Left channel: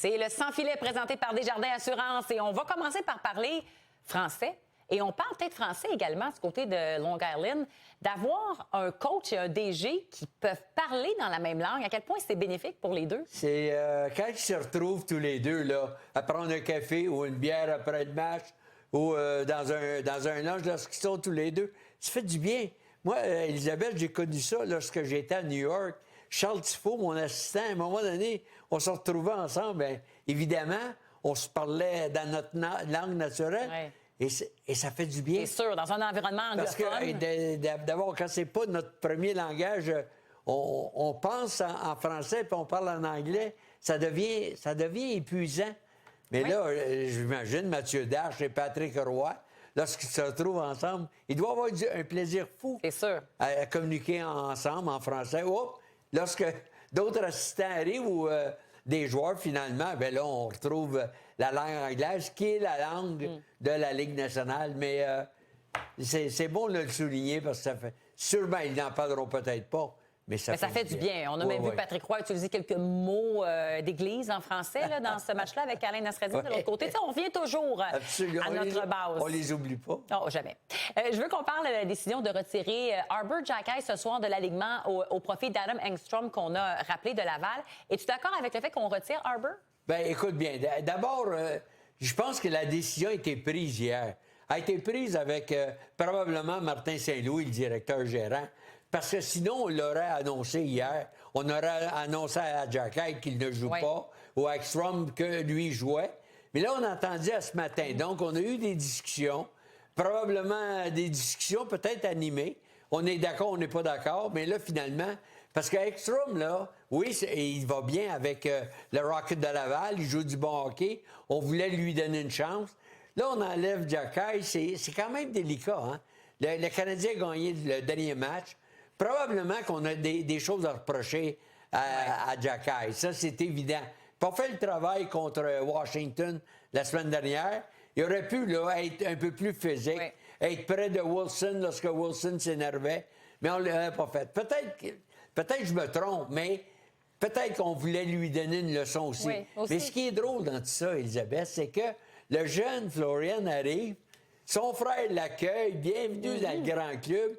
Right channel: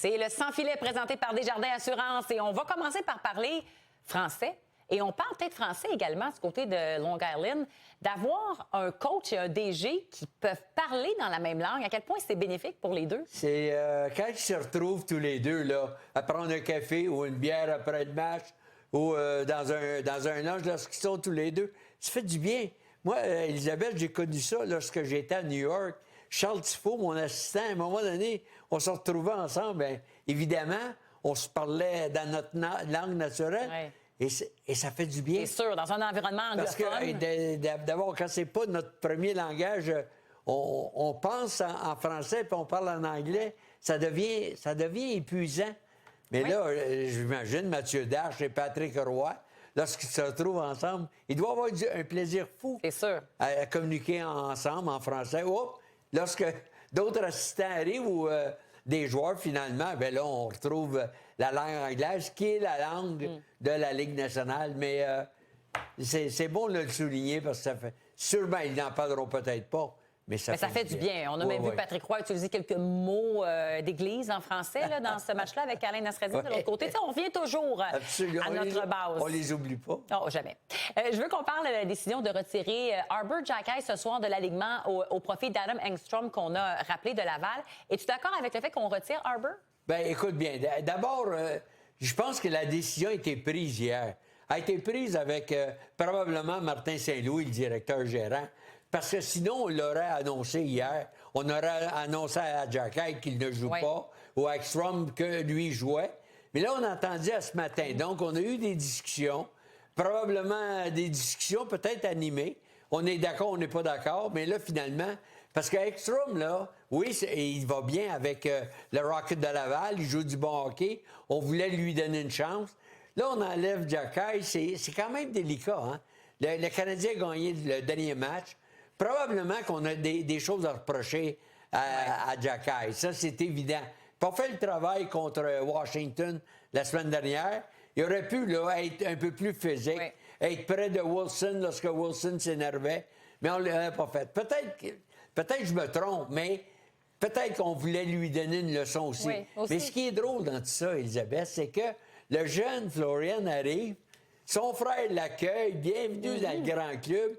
C'est le Sans Filet présenté par Desjardins Assurance et on va commencer par parler français. Et on parle peut-être français également du côté de Long Island, d'avoir un coach et un DG qui peuvent parler dans la même langue. À quel point c'est bénéfique pour les deux? C'est quand ils se retrouvent tous les deux là, à prendre un café ou une bière après le match ou dans un lunch lorsqu'ils sont tous les deux, ça fait du bien. Moi, Elisabeth, j'ai connu ça lorsque j'étais à New York. Charles Tifo, mon assistant, à un moment donné, on se retrouvait ensemble. Bien, évidemment, on se parlait dans notre langue naturelle. Ouais. Et ça fait du bien. C'est sûr, dans un environnement anglophone. Parce que d'abord, quand c'est pas notre premier langage, on pense en français puis on parle en anglais, ça devient épuisant. Mais là, j'imagine Mathieu Darche et Patrick Roy, lorsqu'ils se retrouvent ensemble, ils doivent avoir un plaisir fou. C'est sûr. À communiquer ensemble en français. Lorsque d'autres assistants arrivent ou des joueurs, finalement, ben là, on retrouve la langue anglaise, qui est la langue de la Ligue nationale. Mais c'est bon de le souligner parce que ça fait... Sûrement, ils n'en parleront peut-être pas, mais ça fait du bien. On a même vu Patrick Roy utiliser quelques mots d'église en français là, dans ce match-là avec Alain Nasreddine de l'autre côté. Tu sais, on revient toujours à notre base. On les oublie pas. Non, jamais. Je veux qu'on parle de la décision de retirer Arber Xhekaj ce soir de l'alignement au profit d'Adam Engstrom qu'on a rappelé de Laval. Es-tu d'accord avec le fait qu'on retire Arber? Ben, écoute bien. D'abord, je pense que la décision a été prise hier. A été prise avec probablement Martin Saint-Louis, le directeur gérant. Parce que sinon, on l'aurait annoncé hier. On aurait annoncé à Xhekaj qu'il ne joue pas, ou à Ekstrom que lui jouait. Mais là, on a entendu à ce matin. Donc, on a eu des discussions, probablement des discussions peut-être animées. On est d'accord, on n'est pas d'accord, mais là, finalement, parce qu'Ekstrom, là, oui, il va bien avec le Rocket de Laval, il joue du bon hockey, on voulait lui donner une chance. Là, on enlève Xhekaj, c'est quand même délicat, hein? Le Canadien a gagné le dernier match. Probablement qu'on a des choses à reprocher à Xhekaj. Ça, c'est évident. Puis on fait le travail contre Washington la semaine dernière. Il aurait pu là, être un peu plus physique, être près de Wilson lorsque Wilson s'énervait, mais on ne l'avait pas fait. Peut-être que je me trompe, mais peut-être qu'on voulait lui donner une leçon aussi. Oui, aussi. Mais ce qui est drôle dans tout ça, Elisabeth, c'est que le jeune Florian arrive, son frère l'accueille, bienvenue dans le grand club.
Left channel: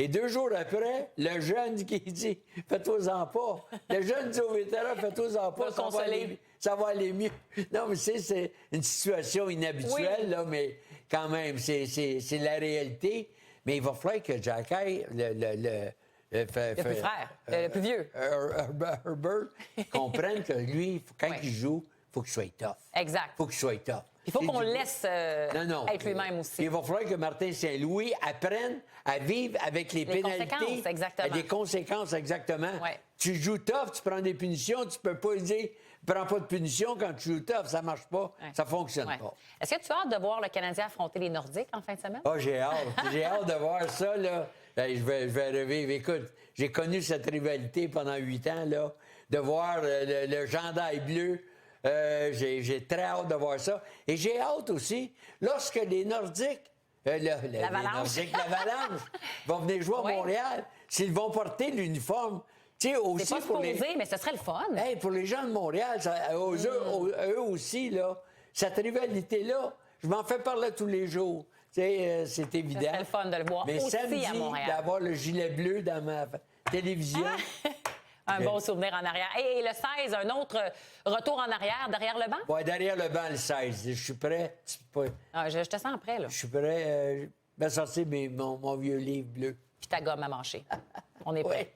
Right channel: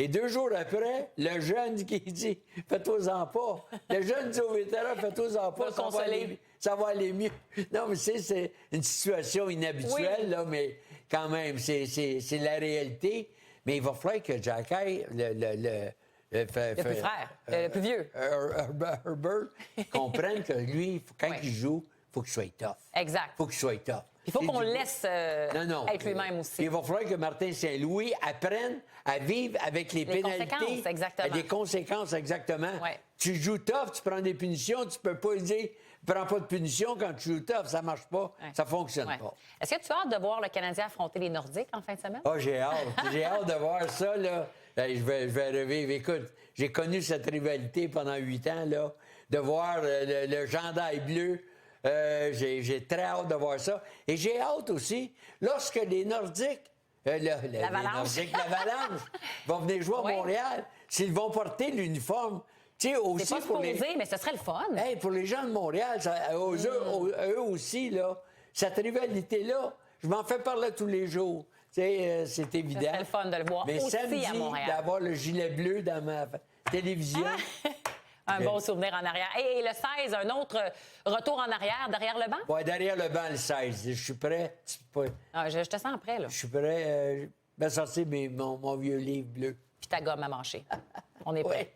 Et 2 jours après, le jeune qui dit « Fais-toi-en pas ». Le jeune dit au vétéran « Fais-toi-en pas, ça va aller mieux ». Non, mais c'est une situation inhabituelle, là, mais quand même, c'est la réalité. Mais il va falloir que Xhekaj, le plus frère, le plus vieux, Herbert, comprenne que lui, quand il joue, il faut qu'il soit tough. Exact. Il faut qu'il soit tough. Il faut qu'on le laisse être lui-même aussi. Il va falloir que Martin Saint-Louis apprenne à vivre avec les pénalités. Exactement. Des conséquences, exactement. Ouais. Tu joues tough, tu prends des punitions, tu peux pas dire « Prends pas de punition quand tu joues tough », ça marche pas, ça fonctionne pas. Est-ce que tu as hâte de voir le Canadien affronter les Nordiques en fin de semaine? Ah, j'ai hâte. J'ai hâte de voir ça, là. Je vais revivre. Écoute, j'ai connu cette rivalité pendant 8 ans, là. De voir le gendarme bleu. J'ai très hâte de voir ça. Et j'ai hâte aussi, lorsque les Nordiques, l'Avalanche vont venir jouer à Montréal, s'ils vont porter l'uniforme. Tu sais, aussi c'est pas supposé, mais ce serait le fun. Hey, pour les gens de Montréal, eux aussi, là, cette rivalité-là, je m'en fais parler tous les jours. C'est évident. C'est le fun de le voir mais aussi samedi, à Montréal. d'avoir le gilet bleu dans ma télévision... Un bon souvenir en arrière. Et le 16, un autre retour en arrière, derrière le banc? Oui, derrière le banc, le 16. Je suis prêt. Je te sens prêt, là. Je suis prêt. Je vais sortir mon vieux livre bleu. Puis ta gomme à mâcher. On est prêt.